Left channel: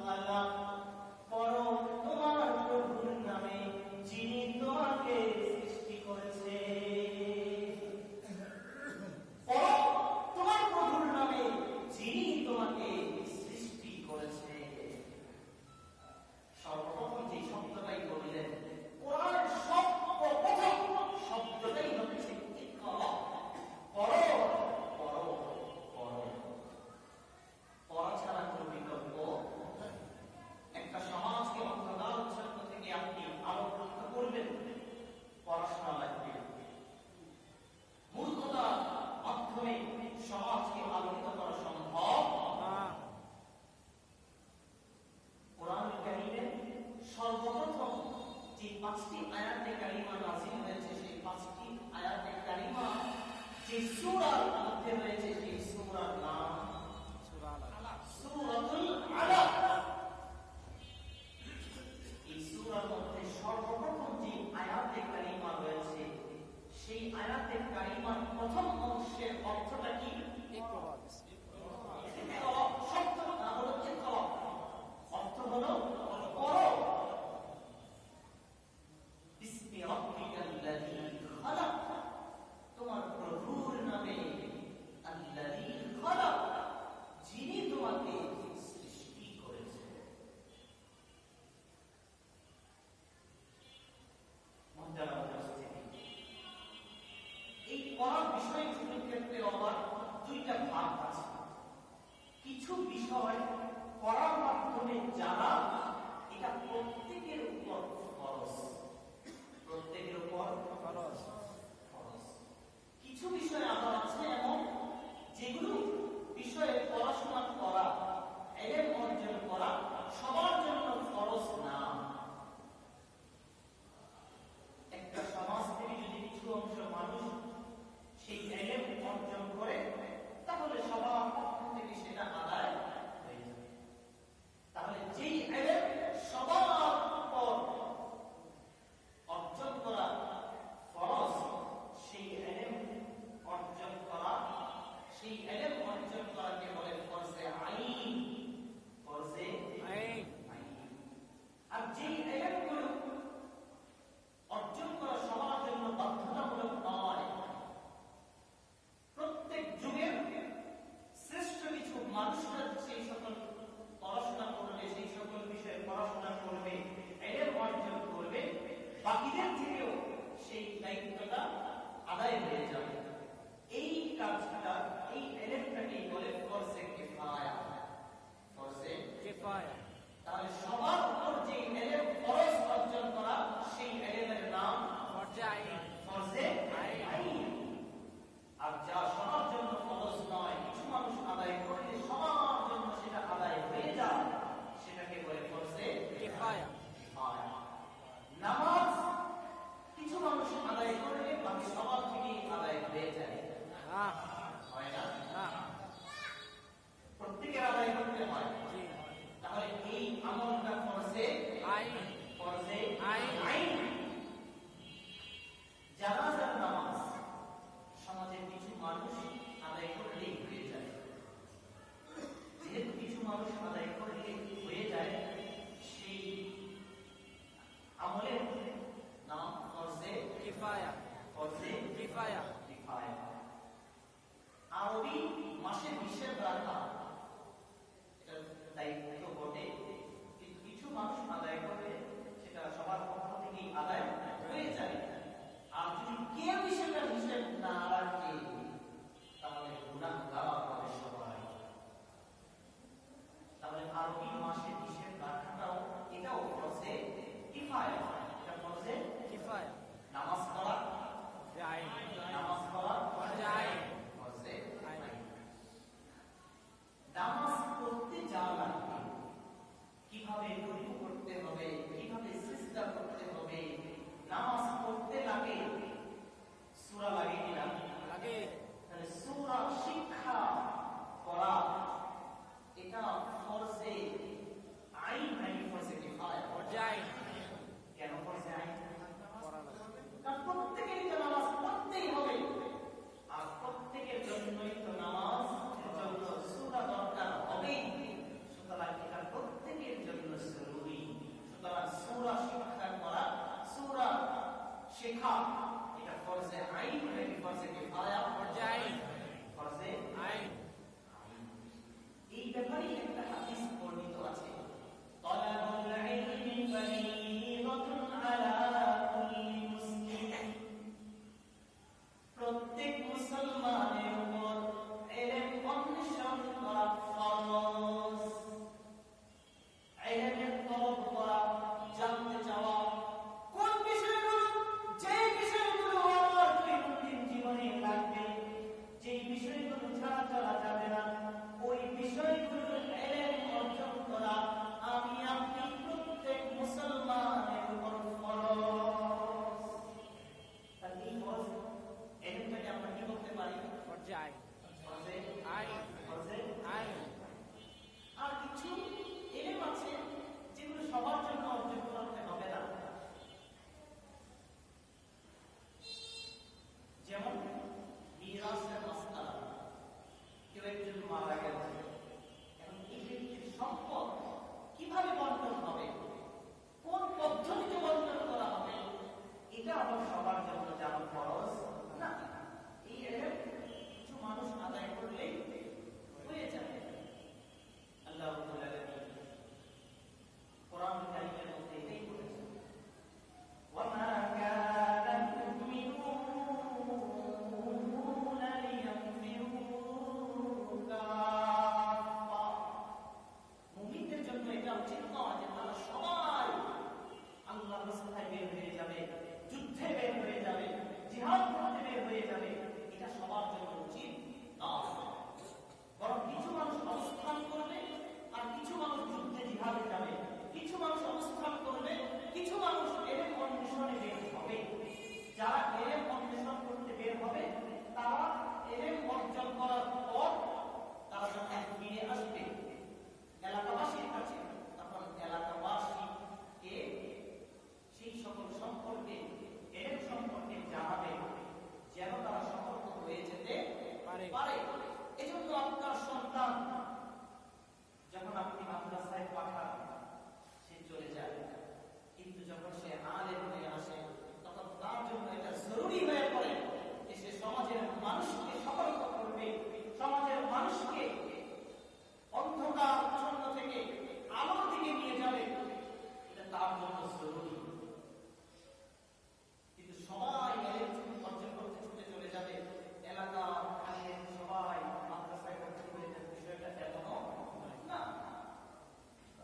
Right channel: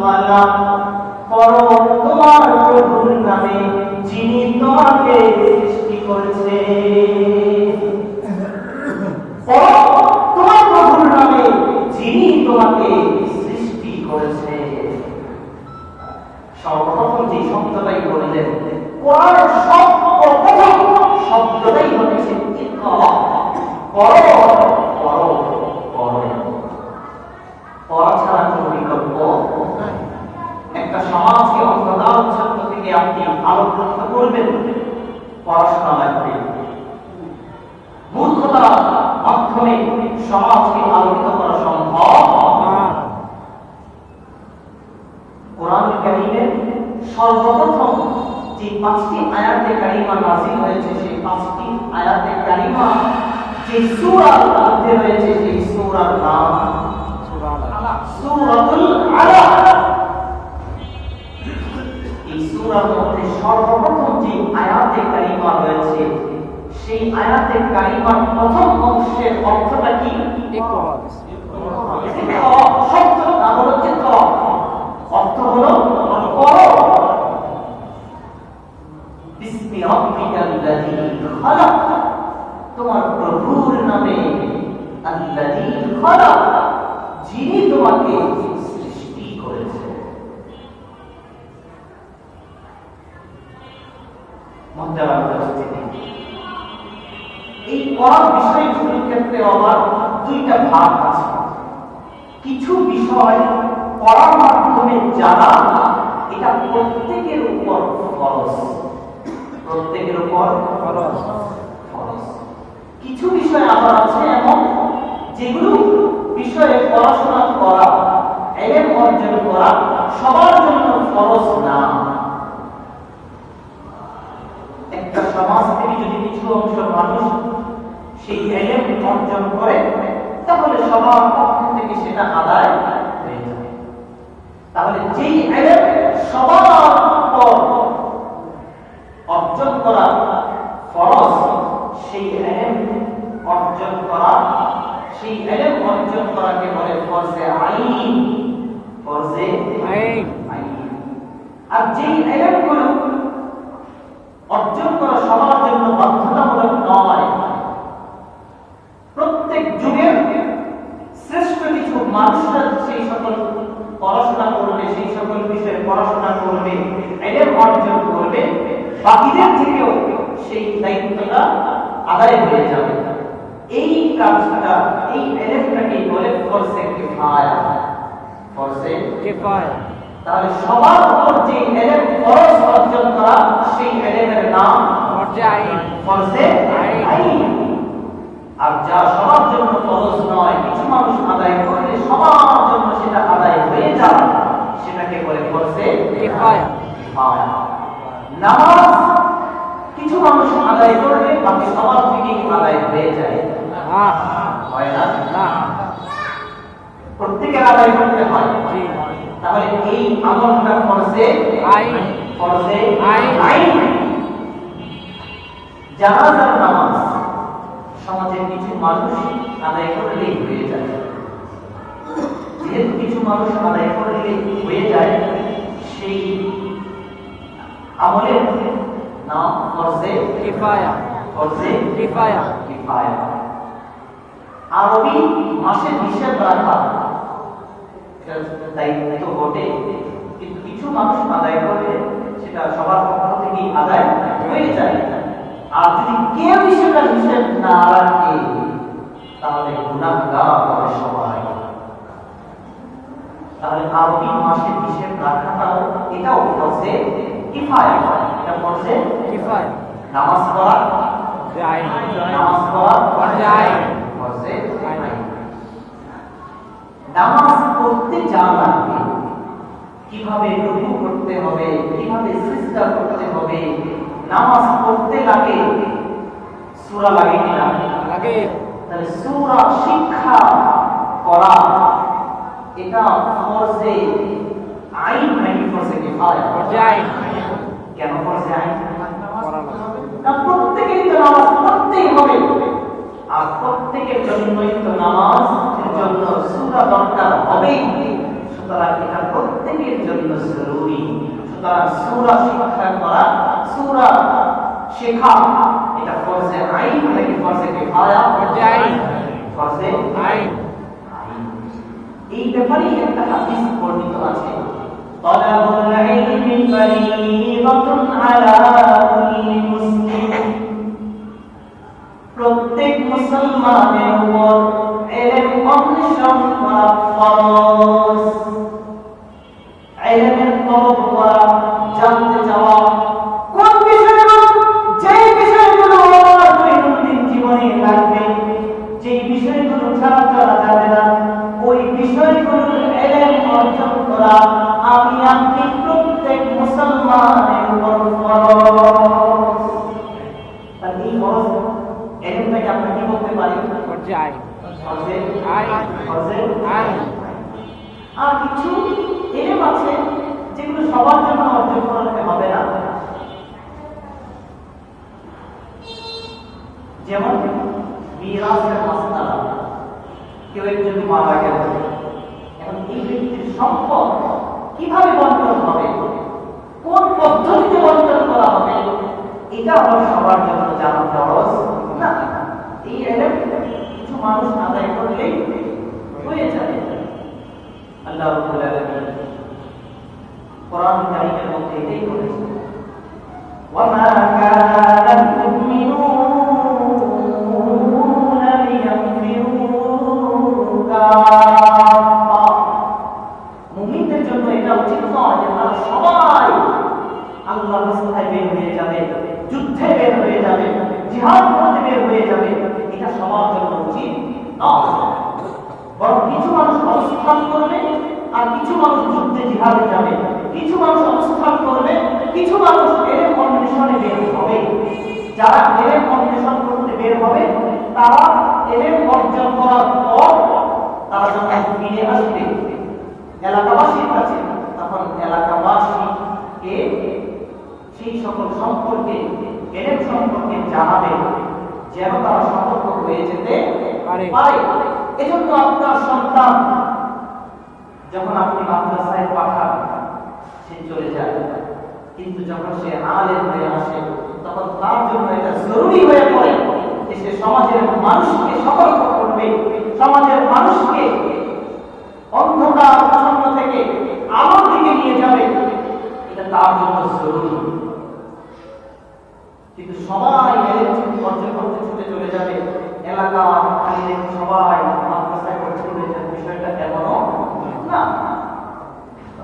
খালাক, পড়ো তোমার প্রভুর নামে যিনি তোমাকে সৃষ্টি করেছে। পড়ো তোমার প্রভুর নামে যিনি তোমাকে সৃষ্টি করেছে। সর্বপ্রথম যে শব্দটাই বললেন, কোরআনের সর্বপ্রথম শব্দটাই হচ্ছে ইকরা। পড়ো পড়ো পড়ো। পড়া ছাড়া কোনো বিকল্প নাই। একটা সমাজকে অন্ধকার ছাত্র থেকে আপনি আলোক রক্ষা করবেন, পড়াশোনা লাগবে। মূর্খতার মাধ্যমে সমাজকে আলোকিত করা সম্ভব না। কোরআন কারীমের সর্বপ্রথম যে 5টি আয়াতে কারিমা নাযিল হয়েছে, সেই 5টি আয়াতে কারিমা যে সূরার মধ্যে রয়েছে, সেই সূরার নাম সূরাতুল আলাক। এই সূরার মধ্যে সর্বপ্রথম যে আয়াতে কারিমা রয়েছে, সেই আয়াতে কারিমার প্রথম অংশের অর্থটা কি? ইকরা। শব্দের নাম হলো ইকরা, অর্থ হলো পড়ো। বিসমি রাব্বিকাল্লাযী খালাক, তোমার প্রভুর নামে, আল্লাযী খালাক, যিনি তোমাকে সৃষ্টি করেছে। মুহতারাম উপস্থিতি, এই পড়ার বিষয়গুলোর ক্ষেত্রে আবার দুইটা ভাগ আছে। কিছু বিষয় পড়ার মাধ্যমে জানা, এটা প্রত্যেকের উপর ফরজ, প্রত্যেকের উপর ফরজ। কিছু বিষয় আবার আছে এমন যেগুলো বিষয়ে পড়াশোনা করা, ইলম অর্জন করা সবার জন্য ফরজ না। একটা সমাজ থেকে যদি কিছু অংশ মানুষ সেই ইলম অর্জন করে, তাহলে সবার পক্ষ থেকে সেটা আদায় হয়ে যাবে। তাহলে যেই ইলম সবার উপর অর্জন করা ফরজ, সেই ইলম অর্জন করা, সেই ইলম অর্জন করাকে বলে ফরজে আইন, ফরজে আইন। আর যেই ইলমগুলো অর্জন করা সবার জন্য বাধ্যতামূলক নয়, প্রত্যেক যুগের শ্রেষ্ঠ কিছু মানুষরা সেই সকল পড়াশোনা করবে, সেই সকল বিষয়ে পড়াশোনা করবে, ইলম অর্জন করবে, বাকিদের থেকেও সেই দায়িত্বটা আদায় হয়ে যাবে। এই কাজটা, এই ইলমটাকে বলে ফরজে কিফায়া, ফরজে কিফায়া। তাহলে সবার উপর যে ইলম ফরজ অর্জন করা, সেই ইলমের নাম ফরজে আইন, ফরজে আইন। আর যা সবার জন্য ফরজ নয়, কিছু মানুষ আদায় করলে সবার জন্য সেটা আদায় হয়ে যায়, সেটাকে বলে ফরজে কিফায়া। নামাজ কিছু মানুষ আদায় করলে বাকি সবার থেকেই আদায় হয়ে যায়, হয় না? প্রত্যেকের আদায় করতে হয়। তাহলে এই আমলটা ফরজে আইন, ফরজে আইন। জানাজার নামাজ সমাজের কিছু মানুষ আদায় করলেই হয়ে যায়। যেহেতু কিছু মানুষ আদায় করলে হয়ে যায়, সেই আমলের নাম ফরজে কিফায়া, ফরজে কিফায়া, কিফায়া। আরবি মাসে হিসাব রাখা দায়িত্ব বটে, কিন্তু কিছু মানুষ আদায় করলে সেটা সবার পক্ষ থেকেই আদায় হয়ে যায়। আর যদি কেউ সেটা হিসাব না রাখে, তাহলে গুনাহগার হবে সবাই। তাহলে আরবি মাসে হিসাব রাখাটাও, এটাও ফরজে কিফায়া, এটা ফরজে কিফায়া। নামাজ পড়া যায়, নামাজ পড়া যায়, ফরজে আইন। নামাজ পড়তে জানা লাগবে, কিভাবে রুকু করতে হবে, কিভাবে সিজদা করতে হবে, নামাজ পড়তে লাগে। সূরা লাগে কি না? লাগে। তাহলে সূরা শিক্ষা করা, এটা ফরজে আইন নাকি ফরজে কিফায়া? ফরজে আইন। কেন ফরজে আইন? না, প্রত্যেকেই তো নামাজ পড়তেই হবে, আর প্রত্যেকের জন্যই তো নামাজের জন্য সূরা দরকার হবেই। সুতরাং এটা প্রত্যেকের জন্য জরুরি। সুতরাং সূরা শিক্ষা করা, সূরা শেখা এটা ফরজে আইন নাকি ফরজে কিফায়া? ফরজে আইন। ফরজে আইন। এই ব্যাপারে একটা হাদিস বর্ণিত আছে, তালাবুল ইলমি ফরিদাতুন আলা কুল্লি মুসলিম, প্রত্যেক মুসলমানের উপর ইলম অন্বেষণ করা ফরজ। ইলমের তলব করা, জানতে চাওয়া, কোন বিষয়গুলো, যে বিষয়গুলো আমার দৈনন্দিন জীবনে লাগবে, যে বিষয়গুলো ছাড়া চলা যাবে না, ওই বিষয়গুলোর ইলম অর্জন করা আমি আপনি প্রত্যেক মুসলমানের উপর ফরজ। আর এই ফরজ ইলমটাকে আমরা কি বলতে পারি? ফরজে আইন। ফরজে আইন। ফরজে আইন। আর কিছু ইলম আছে যেগুলো সবার জন্য অর্জন করতে হবে না, যেমন মিরাসের মাসআলা। কেউ একজন মারা গেল, এখন এই ব্যক্তির সম্পদ কিভাবে বন্টন হবে, কোন পদ্ধতিতে বন্টন করা হবে, এটা আমার সবার জন্য জানা ফরজ না। এই ইলম কিছু মানুষ আদায় করলেই হয়ে যাবে। আল্লাহ রাব্বুল আলামিন কোরআন কারীমের মধ্যে এটাই বলেছেন, ওয়ামা কানা মুমিনুনা লিয়ানফিরু কাফা। মুমিনদের জন্য এটা উচিত নয় যে তারা সবাই আল্লাহর রাস্তায় বের হয়ে যাবে, যুদ্ধে বের হয়ে যাবে, জিহাদ করতে বের হয়ে যাবে, এটা সবার জন্য উচিত নয়। বরং কিছু মানুষ অবস্থান করবে আর কিছু মানুষ যুদ্ধে জিহাদে যাবে, কিছু মানুষ অবস্থান করবে, কিছু মানুষ ইলম অন্বেষণে বের হবে। যারা ইলম অন্বেষণ করতে বের হবে তারা ইলম অর্জন করার পর তারা যখন ফিরে আসবে এলাকাবাসীর কাছে, তখন এলাকাবাসীকে সেই সকল সম্পর্কে, ইলম সম্পর্কে জানাবে, যেন তারা সতর্ক হয়ে যেতে পারে। এজন্য আপনার সন্তান যখন আপনি মাদ্রাসায় পাঠান সে চলে যায়, কিন্তু যখন সে আলেম হয়ে আসে তখন তার জন্য এটা জরুরি হয়ে পড়ে যে সে সমাজের মানুষকে সতর্ক করবে, সমাজের মানুষকে অন্ধকার প্রসন্ন থেকে আলোর দিকে নিয়ে যাবে, এটা তার জন্য জরুরি। কিন্তু সবাই অর্জন করতে ছুটে চলে যাবে, এলাকা খালি সবাই মাদ্রাসায় পড়তে চলে যাবে, বিষয়টা এমনও না।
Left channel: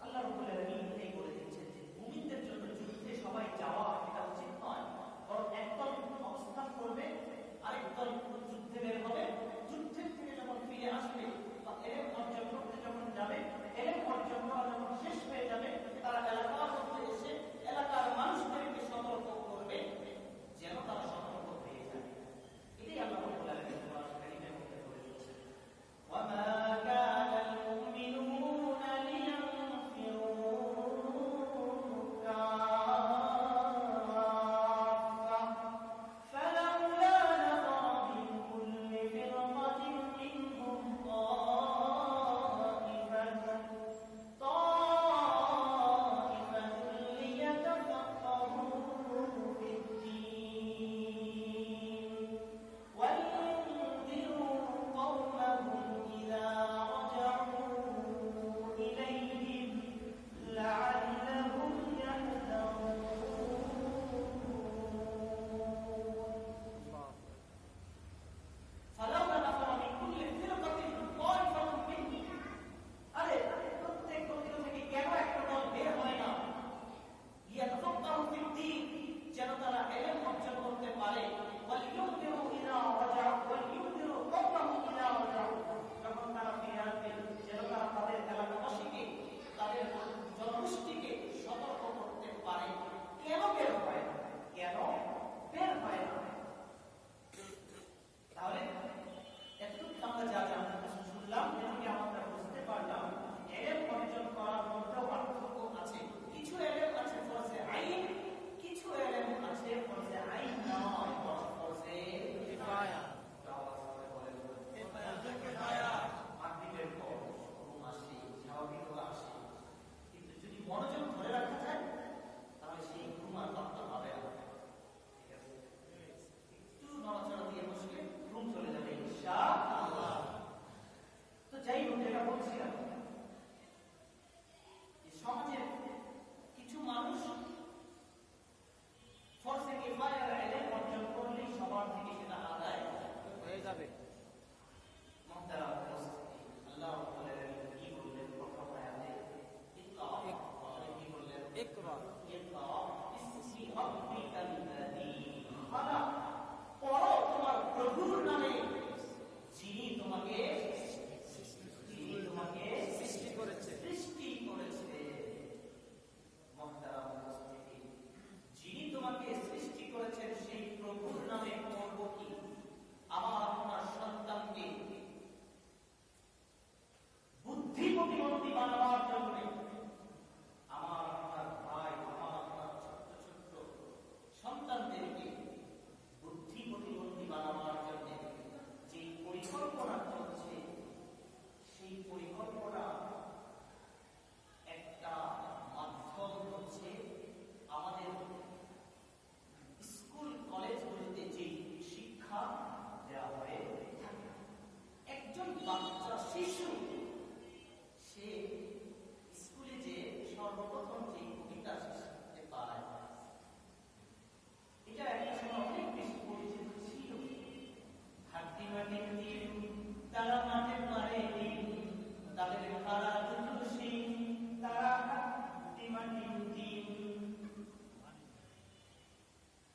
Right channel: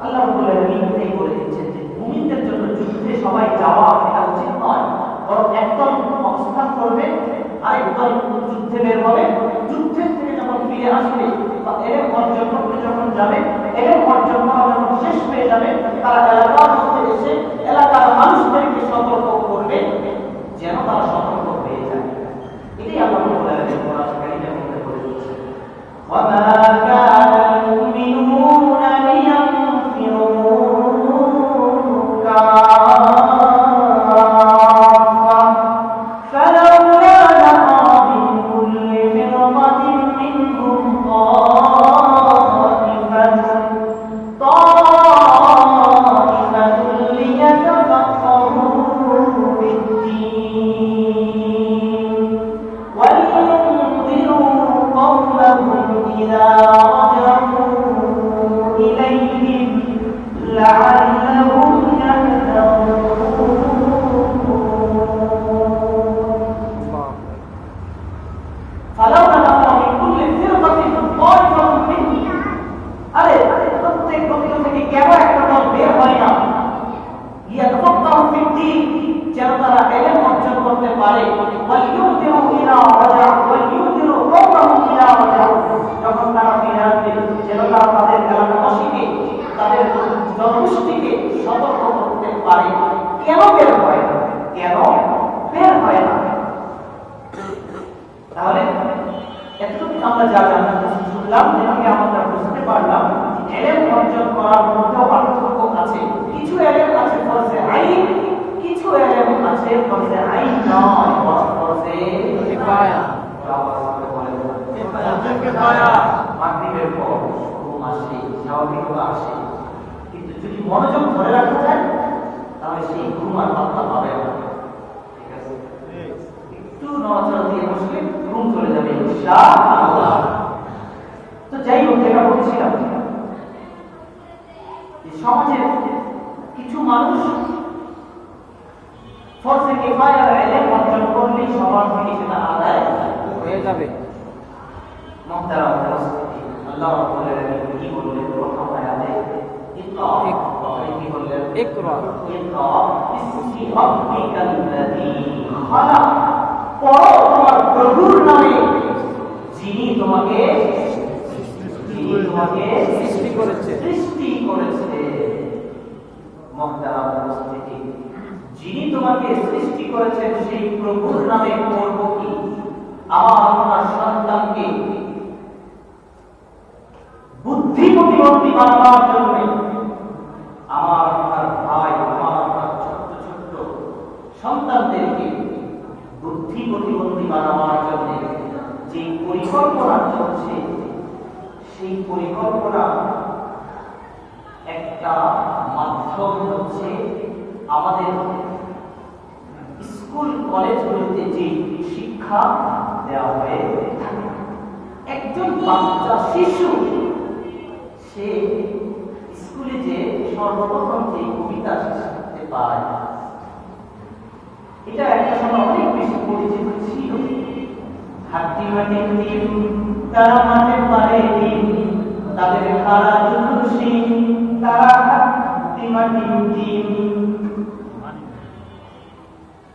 আল্লাহ রাব্বুল আলামিন এই বলে দিচ্ছেন যে মুমিনদের জন্য যুদ্ধে সবাই যাওয়া এটা উচিত নয়, বরং একদল অবস্থান করবে, আরেকদল যুদ্ধে বের হবে, যুদ্ধের থেকে যখন ফিরে আসবে বা ইলম অর্জন করতে যখন যাবে, ইলম অর্জন করা যখন শেষ হয়ে যাবে, তারা এলাকার মধ্যে এসে এলাকার মানুষদেরকে সতর্ক করবে যেন তারা সতর্ক হয়ে যায়। এটাই আল্লাহ রাব্বুল আলামিন কোরআন কারীমের মধ্যে বলে দিচ্ছেন, ওয়ামা কানা মুমিনুনা লিয়ানফিরু কাফা ফালাউলা নাফারা মিন কুল্লি ফিরকাতিন মিনহুম তাইফাতুন লিয়াতাফাক্কাহু ফিদ-দীন وَلْيُنذِرُوا قَوْمَهُمْ إِذَا رَجَعُوا إِلَيْهِمْ لَعَلَّهُمْ يَحْذَرُونَ فَلَوْلَا نَفَرَ مِنْ كُلِّ فِرْقَةٍ طَائِفَةٌ مِنْهُمْ আরে প্রত্যেক গোত্র থেকে কেন একটা দল বের হয় না, লিয়াতাফাক্কাহু ফিদ-দীন, যেন তারা ইলম অর্জন করতে পারে, ওয়ালিউযিরু ইলা রাজা ওয়ালিউযিরু কওমাহুম ইলা রাজা, যখন তারা ফিরে আসবে যেন তারা তাদের এলাকাবাসীকে, তাদের জনগোষ্ঠীকে সতর্ক করতে পারে। কেন বের হয় না? কেন বের হয় না? তাহলে এতটুকু আমরা যা শুনলাম, এটাকে আমরা বুঝতে পারলাম ইলম অর্জন করার মধ্যে পার্থক্য আছে। কিছু ইলম আছে ফরজে আইন, কিছু ইলম আছে ফরজে আইন নয়, ফরজে কিফায়া। মাগরিবের পর ঘুম আসে, স্বাভাবিকভাবে আসে, কিন্তু যদি মনোযোগ ধরে রাখা যায় তাহলে সেই ঘুম আর পাত্তা পাবে না। ঠিক আছে, একটু নজর দিয়ে বসলে ঘুম চলে যাবে ইনশাআল্লাহ। তো যাই হোক, যেটা বলছিলাম, সমাজের কিছু মানুষ ফরজে কিফায়ার ইলম অর্জন করলে সবার থেকে সেটা আদায় হয়ে যাবে। মুহতারাম উপস্থিতি, আল্লাহ রাব্বুল আলামিন কি বললেন প্রথম আয়াতে? ইকরা, কি বললেন? ইকরা বিসমি রাব্বিকাল্লাযী খালাক। পড়ো তোমার প্রভুর নামে যিনি তোমাকে সৃষ্টি করেছে। মুহতারাম উপস্থিতি, যিনি তোমাকে সৃষ্টি করেছেন সেই প্রভুর নামে পড়ব কি? আমার আপনার সন্তানকে বুদ্ধি প্রতিবন্ধী বানাবার জন্য, আমার আপনার ভাই, আমার আপনার ছোট্ট ছোট্ট সন্তানদেরকে বুদ্ধি প্রতিবন্ধী বানাবার জন্য যে পরিকল্পনা চলছে, সেই পরিকল্পনা একটা মাধ্যম হচ্ছে আমাদের স্কুল কলেজগুলিতে যে শিক্ষা দেওয়া হয়ে থাকে। একজন বাচ্চা শিশু সে স্কুলে যে সর্বপ্রথম যে কবিতা শিখতে পায়, এটা একটা সময় অনেক বেশি পরিচিত ছিল। হাতি মাটি টিম, তারা মাঠে পারে টিম, তাদের খাড়া দুটো শিং, তারা হাতি মাটি টিম।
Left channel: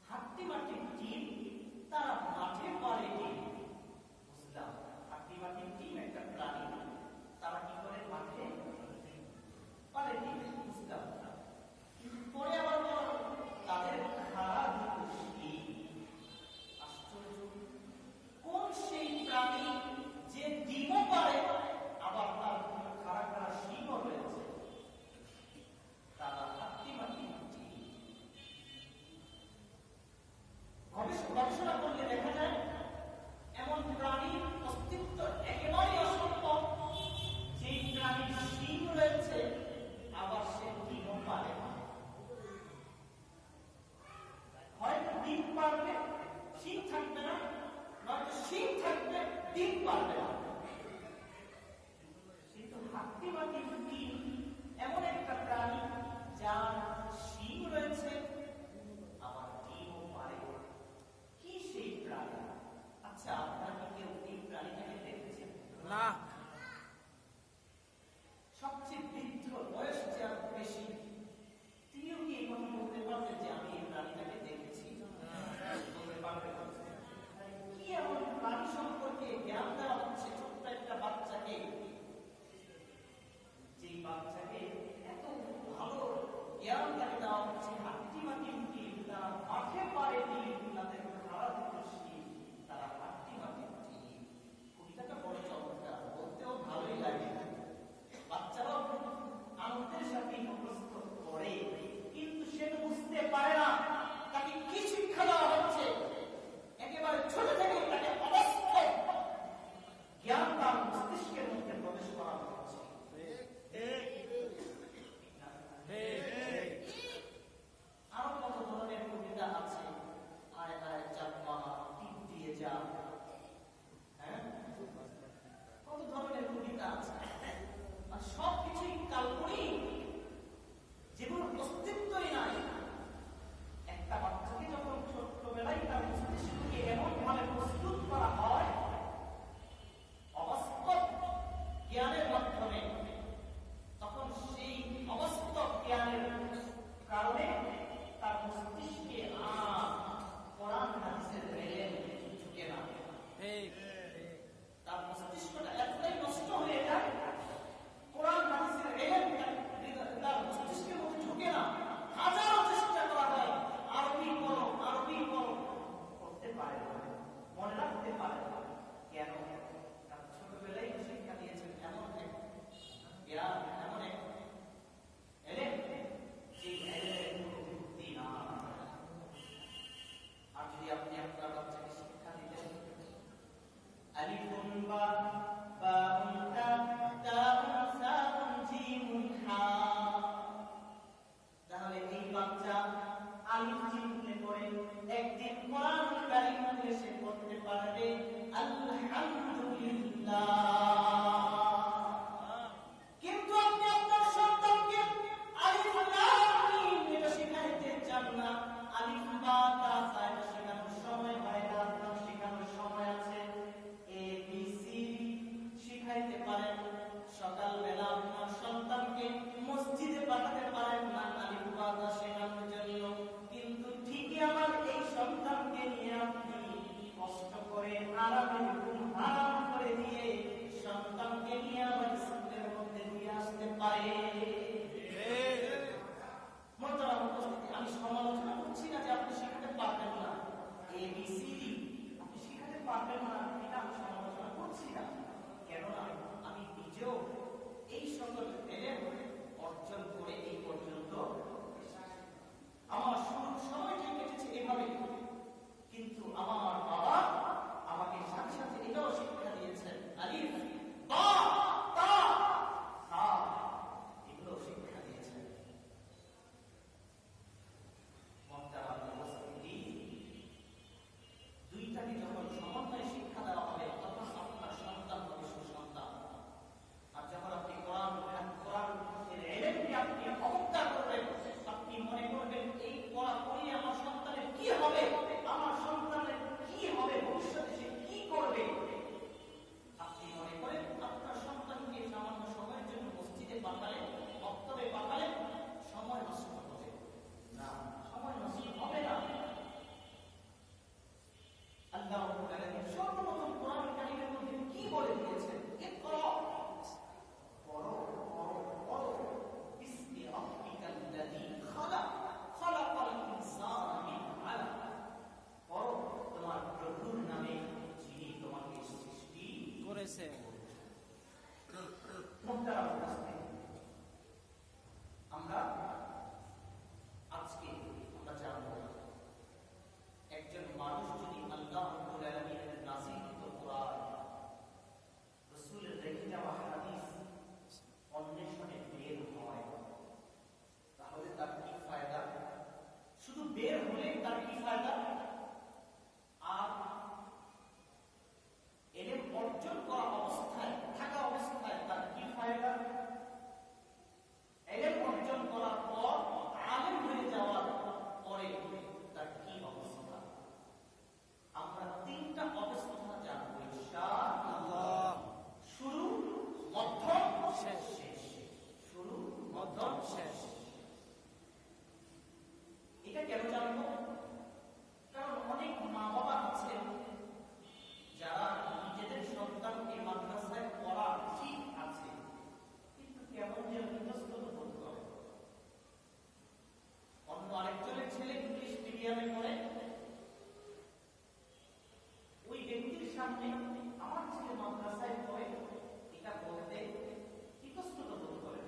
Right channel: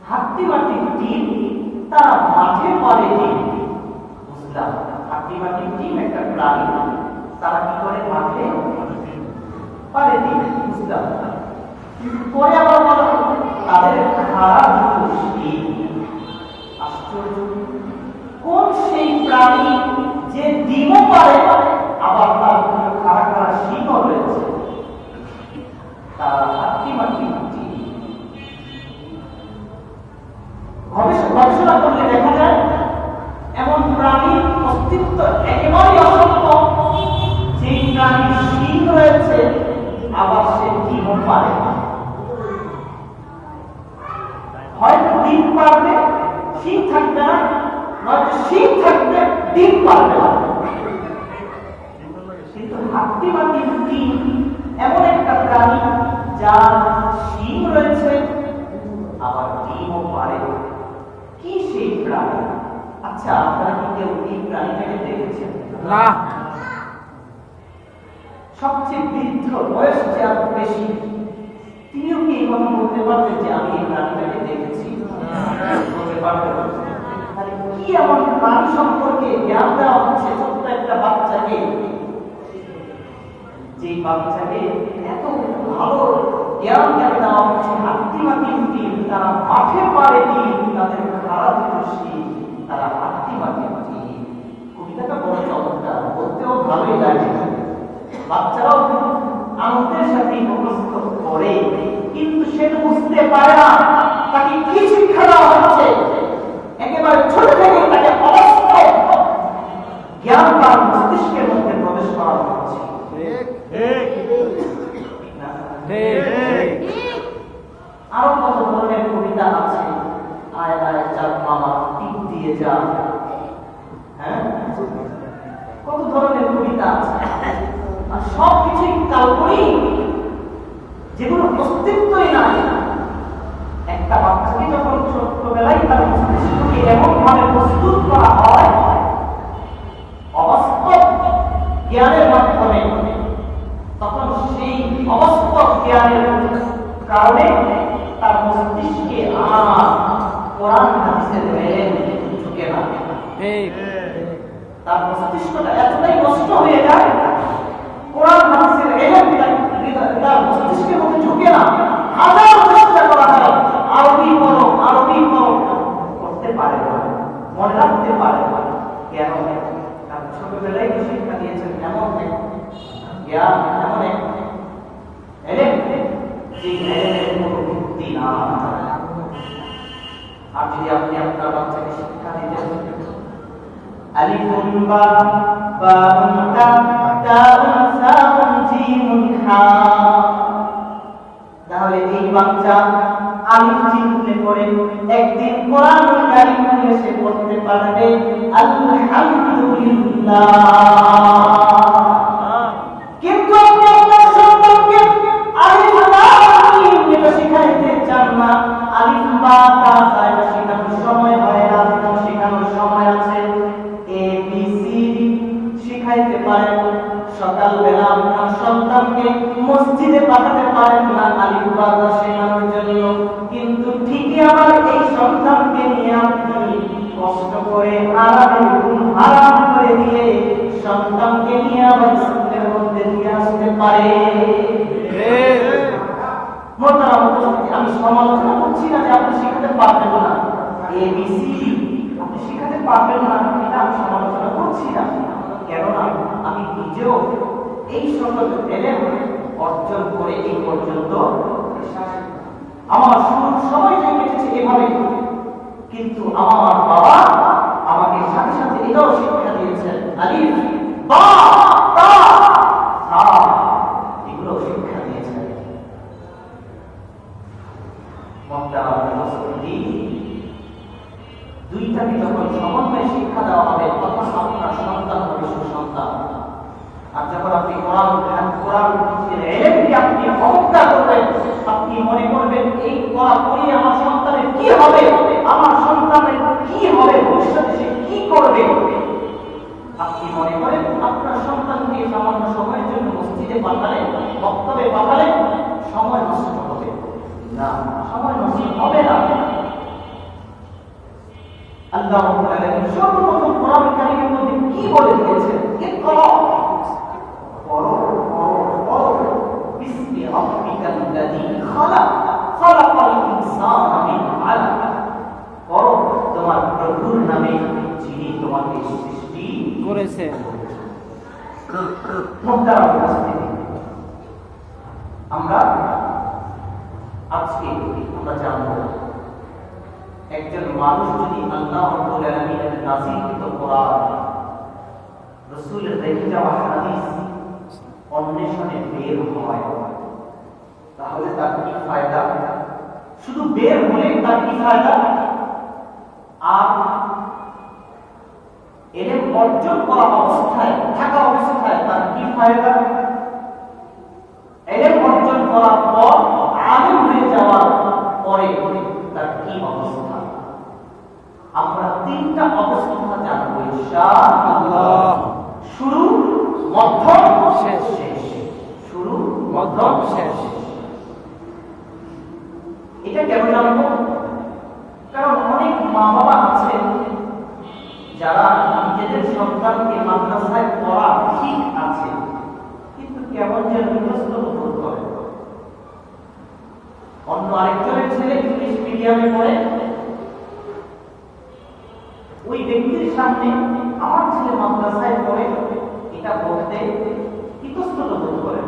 হাতি মাটি টিম, তারা মাঠে পারে টিম। বুঝলাম, হাতি মাটি টিম একটা প্রাণী, তারা কি করে? মাঠে পারে টিম। বুঝলাম। পরে আবার বলো তাদের খাড়া দুটো শিং। আশ্চর্য, কোন সেই প্রাণী যে ডিমও পারে আবার তার খাড়া খাড়া শিংও রয়েছে? তারা হাতি মাটি টিম। গবেষণা করলে দেখা যায় এমন প্রাণীর অস্তিত্ব একেবারেই অসম্ভব যে প্রাণীর শিং রয়েছে আবার সে ডিমও পারে না। হয়তো ডিম পারবে, শিং থাকবে না, নয়তো শিং থাকবে, ডিম পারবে না। কিন্তু হাতি মাটির ডিম এমন একটা প্রাণী যার শিং রয়েছে আবার ডিমও পারে। কি সেই প্রাণী? আচ্ছা, আপনারা কি কেউ এই প্রাণীটাকে দেখেছেন? না। সবচেয়ে বৃদ্ধ, বয়স যার বেশি, তিনিও কি এই কথা বলতে পারবেন যে আমি এই প্রাণীটাকে দেখেছি? বলতে পারবেন? তাহলে কি এমন প্রাণী সম্পর্কে জ্ঞান দেওয়া হচ্ছে ছোট্ট একটা বাচ্চাকে, যে বাচ্চাকে এত ভালো জ্ঞান দেওয়া হচ্ছে? হাতি মাটি টিম, তারা মাঠে পারে টিম, তাদের খাড়া দুটো শিং, তারা হাতি মাটি টিম। কবিতাটা বড় চমৎকার, বলতেও ভালোই লাগে, বাচ্চারাও আনন্দের সাথে মুখস্থ করে, কিন্তু সে বুঝতে পারে না তাকে কি শিক্ষা দেওয়া হচ্ছে। একেবারে ছোট থেকে তাকে অবাস্তব জ্ঞান তার মস্তিষ্কের মধ্যে প্রবেশ করা হচ্ছে। আরো কত ধরনের কবিতা আছে, আয় আয় চাঁদ মামা টিপ দিয়ে যা, হ্যাঁ, কত ধরনের কবিতা আছে। আর সবকিছুই কাল্পনিক, যেগুলো অস্তিত্বই নাই। একটা বাচ্চাকে যখন ছোট্টবেলায় তার মস্তিষ্ককে এমন ভাবে প্রস্তুত করা হয় অবাস্তব জ্ঞানের মাধ্যমে, তখন সেই অবাস্তব জ্ঞানের কারণে তার মস্তিষ্কে আর কোরআন হাদিসের মেলে ঢুকে না। তার মস্তিষ্কটা এতটাই নষ্ট হয়ে যায়, কোরআন হাদিসের ইলম তার মস্তিষ্কের মধ্যে ঢুকে না। হাজার চেষ্টা করা হয়, আরবি পড়ো, করতে পারে না, মনে রাখতে পারে না। কেন? তার ছোটবেলায় শিক্ষা দিয়েছেন এমন এক জ্ঞান, এমন এক ইলম, যে ইলমের কোনো ভিত্তি না। আর যদি আপনি আপনার বাচ্চাকে শিক্ষা দিতেন আলিফুন বা বাউন তা তাউন সাউন জিমুন হা, বাচ্চা আলিফ চিনতে পড়ে একদিন কোরআন কারীম এসে পড়তে পারবে আলহামদুলিল্লাহ। কিন্তু আপনি আপনার সন্তানকে আলিফ লাম মিম এটা শিখাইতে চান না, আলিফ বা তা এটা শেখানোর সময় হয় না, শেখানোর সময় আছে। এ বি সি ডি শিখাইতে পারেন, সকালবেলা আপনার সন্তানকে মসজিদে পাঠাতে পারেন না আলিফ বা তা শেখানোর জন্য, কিন্তু ঠিকই আমার এই সন্তানকে নিয়ে আপনি কষ্ট করে আরামে ঘুম হারাম করে দিয়ে সন্তানকে নিয়ে আবার স্কুলের মধ্যে দিয়ে আসতে পারে। আমি সমালোচনা করছি না যে আপনি শিখাতে পারবেন না, এবিসি আপনি শিখাতে পারবেন না, এটা আমি সমালোচনা করছি না। কেননা আমি নিজেও এই সকল এলেম অর্জন করে এই পর্যন্ত আমার শুরুর সময়টাই কেটেছে এভাবে, কিন্তু আমার বাবা আমাকে সাথে সাথে এটাও শিক্ষা দিয়েছেন, আলিফ বা তা সা এগুলো শিক্ষা দিয়েছেন। দুইটাকে যখন সমন্বয়ে শিক্ষা দেওয়া হবে তখন আপনার সন্তান হবে সুসন্তান। আর যখন আপনি কোরআন এলেমকে আপনি অবজ্ঞা করবেন, আপনি মনে করবেন এই পড়া পড়িয়ে আমার সন্তানের কি হবে, আমার সন্তানের কি হবে, ভবিষ্যতে সে কি করবে, আপনি মনে করেন আপনার সন্তানকে সামান্য সময়ের জন্য মসজিদে পাঠালে, বক্তব্যে পাঠালে সময় নষ্ট হবে না, সময় নষ্ট হবে না। আল্লাহ রাব্বুল আলামিন সর্বপ্রথম কোরআন কারীমের মধ্যে কি বলে দিয়েছেন? ইকরা, পড়ো বিসমি রাব্বিকাল লাযী খালাক, খালাকাল ইনসানা মিন আলাক, পড়ো তোমার প্রভুর নামে যিনি তোমাকে সৃষ্টি করেছেন। মুহতারাম উপস্থিতি, আমরা আজকে আমরা জানবো একজন মানুষ যদি আল্লাহ রাব্বুল আলামিনের নাযিলকৃত কোরআন, রাসূলের রেখে যাওয়া হাদিস অন্বেষণে বের হয় তাহলে তার কি ফায়দা? শুধু বের হলে তার কি ফায়দা? আর এলেম অর্জন করা অবস্থায় থাকা অবস্থায় তার কি ফায়দা? এলেম অর্জন করার পর আলেম হয়ে যাওয়ার পরে তার কি অবস্থা? আমরা তিনটা অবস্থা জানবো ইনশাআল্লাহ। শুরু, মধ্যম, শেষ। শুরু, মধ্যম, শেষ। এটা কেন জানবো? কারণ অনেক মা বাবা আছেন যারা নিজেদের সন্তানকে মাদ্রাসায় পড়া ঠিক আছে, কিন্তু কেমন যেন ইতস্তত বোধ করে। অন্য আরেকজনের ছেলে ইংলিশ মিডিয়ামে পড়ে, ওই ব্যক্তির সামনে আমার ছেলে মাদ্রাসায় পড়ে এটা বলতে ইতস্তত বোধ করে।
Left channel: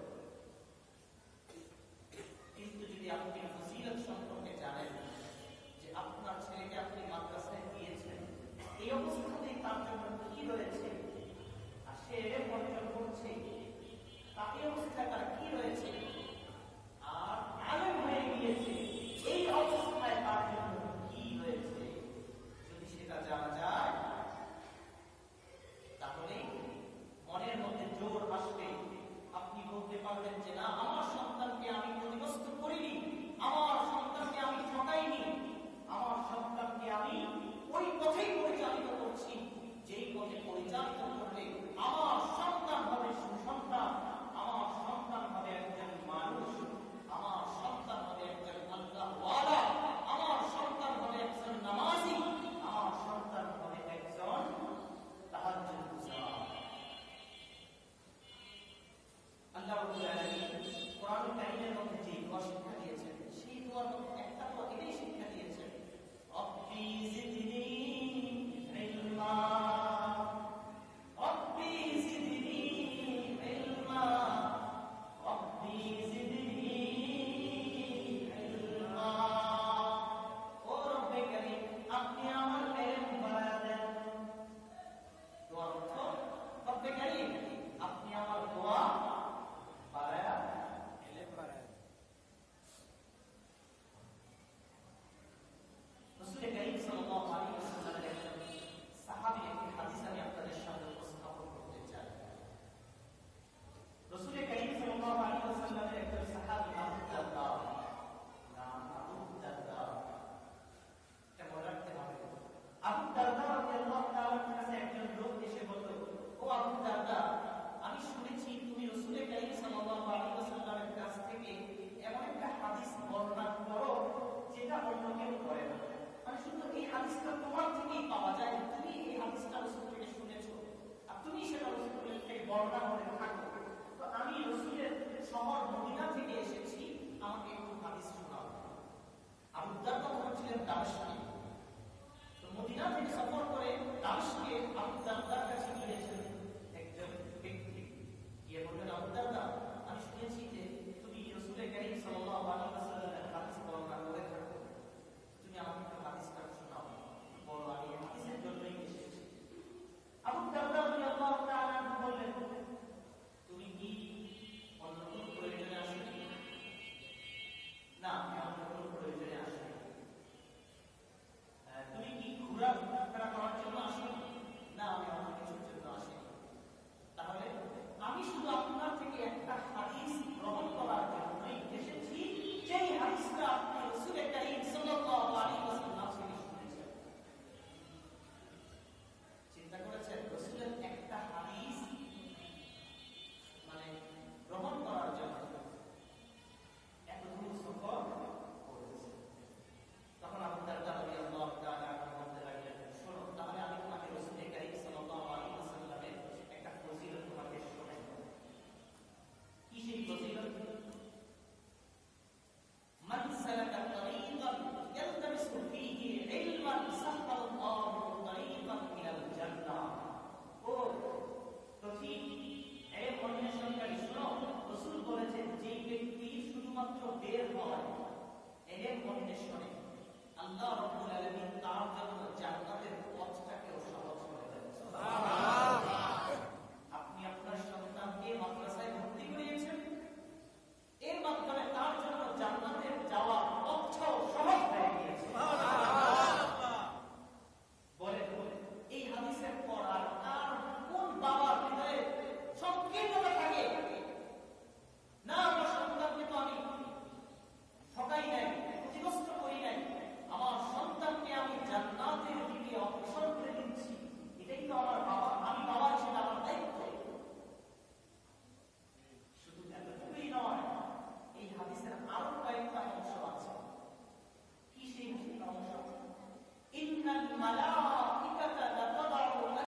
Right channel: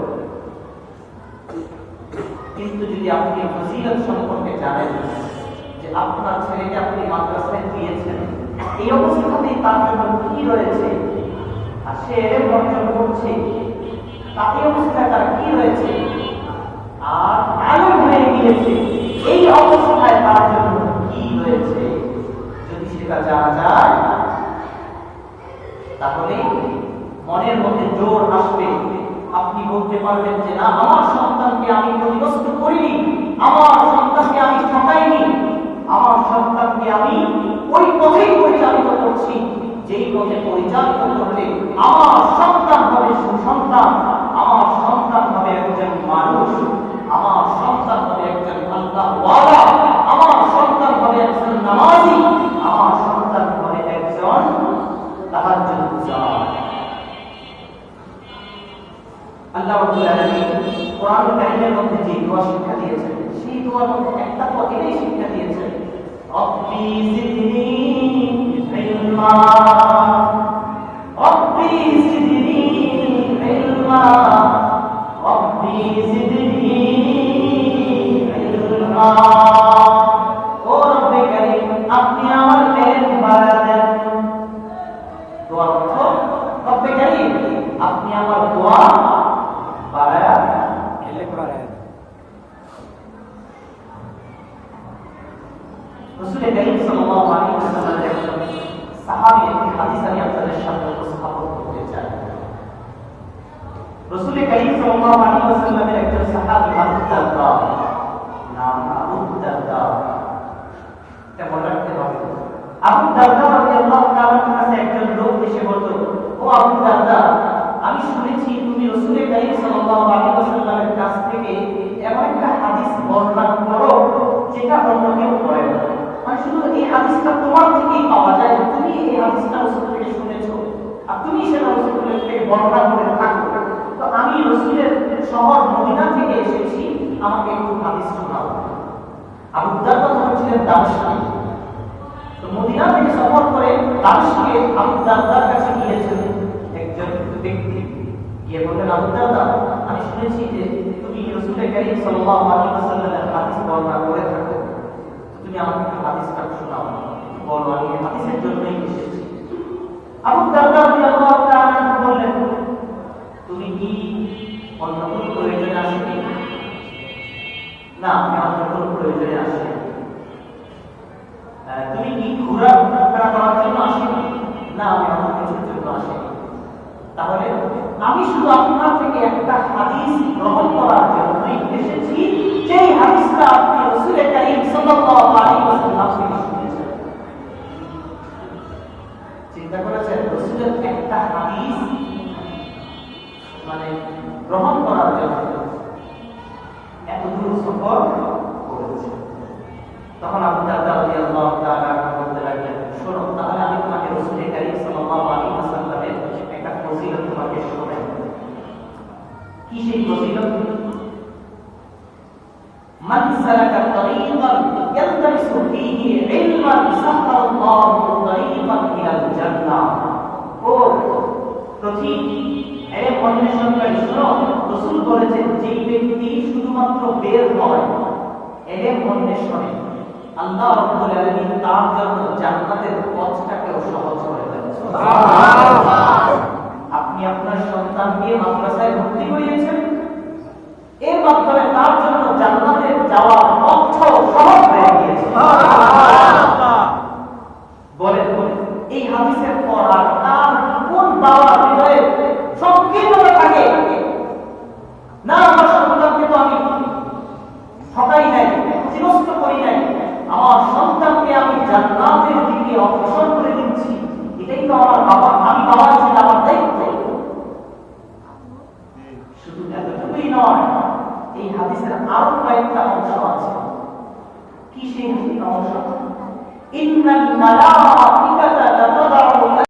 কিন্তু যদি আপনি ফজিলত সম্পর্কে জানেন যে আপনার ছেলেকে আপনি মাদ্রাসায় দিয়েছেন, এই অবস্থাতেই তার জন্য কি রয়েছে, আর সে এলেম অর্জন করছে, তার এই অবস্থায় তার কি রয়েছে, আর আলেম হয়ে গিয়েছে, এই অবস্থায় তার জন্য কি রয়েছে, যদি সেটা জানা যায় তাহলে মনের মধ্যে জোর আসবে। আপনি বলতে পারবেন যে না, আমার সন্তানকে আমি ক্ষতিগ্রস্ত করিনি, আমার সন্তানকে আমি ঠকাইনি, আমার সন্তানকে আমি ওই পথেই পরিচালিত করছি যেই পথে পরিচালিত করলে আমার সন্তান হবে সুসন্তান, আমার সন্তান হবে একজন মানুষ, আমার সন্তান হবে একজন আল্লাহওয়ালা, আমার সন্তান হবে একজন নামাজি, আমার সন্তান হবে একজন তাহাজ্জুদগার। আল্লাহ রাব্বুল আলামিন কোরআন কারীমের মধ্যে যে দোয়া শিক্ষা দিয়েছেন, সেই দোয়ার মধ্যে একটা তো এটাই শিক্ষা দিয়েছেন, রব্বি জিদনি ইলমা, রব্বি জিদনি ইলমা, রব্বি জিদনি ইলমা। ও রব্বে কারীম, আপনি আমার জ্ঞান বাড়ায় দেন। দোয়ার অর্থ, রব্বে কারীম আপনি আমার দোয়া বাড়ায়া, রাসূল করিম সাল্লাল্লাহু আলাইহি ওয়াসাল্লামের একজন সাহাবী একটি হাদিস আমি আপনাদের সামনে উপস্থাপন করতে চাই। রাসূল করিম সাল্লাল্লাহু আলাইহি ওয়াসাল্লামের একজন সাহাবী আবু দারদা, নাম আবু দারদা, এটা মনে রাখতে হবে। আবু দারদা রাদিয়াল্লাহু তাআলার কাছে একজন লোক এসে বলল, ও আবু দারদা, আমি শুনেছি তুমি রাসূল করিম সাল্লাল্লাহু আলাইহি ওয়াসাল্লামের কাছ থেকে এমন একটা হাদিস বর্ণনা করো যেটা অন্য কেউ করে না, মানে শুধু এই হাদিসটা তোমার থেকেই পাওয়া যায়, তুমি এই হাদিসটা রাসূল থেকে শুনেছো আর তুমি সেটা রাসূল থেকে বর্ণনা করে থাকো। তো আমি রাসূলের শহর মদিনা থেকে এসেছি, আমাকে একটু হাদিস শোনাও। আবু দারদা ছিলেন দামেস্কে, তো মদিনা থেকে সফর করে দামেস্কে আবু দারদার কাছে গিয়েছেন একজন ব্যক্তি, গিয়ে বললেন, আবু দারদা, আমি শুনেছি যে তুমি রাসূল করিম সাল্লাল্লাহু আলাইহি ওয়াসাল্লামের হাদিস বর্ণনা করে থাকো, তুমি আমাকে একটু হাদিসটা শোনাও, বলো, আমি এই হাদিসের জন্যই এসেছি। আবু দারদা রাদিয়াল্লাহু তাআলা বললেন, তুমি কি অন্য কোনো প্রয়োজনে আসনি? না, আমি অন্য কোনো প্রয়োজনে আসিনি। তুমি কি ঘোরাফেরা করার জন্য আসনি? না, আমি অন্য কিছুর জন্য আসিনি। তাহলে আমি শুধু আপনার থেকে একটা হাদিস গ্রহণ করার জন্যই এসেছি, যেই হাদিসটা আপনি রাসূল করিম সাল্লাল্লাহু আলাইহি ওয়াসাল্লাম থেকে শুনেছেন। চিন্তা করেছেন, রাসূলের একটা হাদিস মানে গ্রহণ করার জন্য এত দূর সফর করেছে। তখন আবু দারদা রাদিয়াল্লাহু তাআলা বলতে লাগলেন, শোনো, তাহলে আমি তোমাকে রাসূল করিম সাল্লাল্লাহু আলাইহি ওয়াসাল্লামের একটা ফজিলত তোমাকে শোনাই। কি সেই ফজিলত? মান সালাকা তরিকান ইয়ালতামিসু ফীহি ইলমান সাহাল্লাহু তরিকান ইলাল জান্নাহ। ও প্রতি এর অন্বেষণকারী, শোনো, রাসূল বলেছেন, যেই ব্যক্তি শুধুমাত্র বের হয় এর অন্বেষণে, আল্লাহ রাব্বুল আলামিন তার জন্য জান্নাতের পথটাকেও সহজ করে দেন। সুবহানাল্লাহ। আপনি আপনার সন্তানকে মাদ্রাসায় ভর্তি করিয়েছেন, এর মাধ্যমে তার জন্য জান্নাতে যাওয়ার পথ সহজ হয়ে গিয়েছে। সুবহানাল্লাহ। বলেন, এই হাদিসের পর আর কার কোন বাবার হৃদয়ে সংকীর্ণতা থাকে না, আমার সন্তানকে তো আমি ঠকাই নাই, ক্ষতিগ্রস্ত করি নাই, আমার সন্তানকে আমি জান্নাতের দিকে অগ্রসর করে দিচ্ছি, এটাই তো আমার বাবা, আমি বাবা হিসেবে আমার দায়িত্ব। শুধু এতটুকুই নয়, এই হাদিসের আরো কয়েকটা অংশ আছে। কি সেই অংশ? ইন্নাল মালাইকা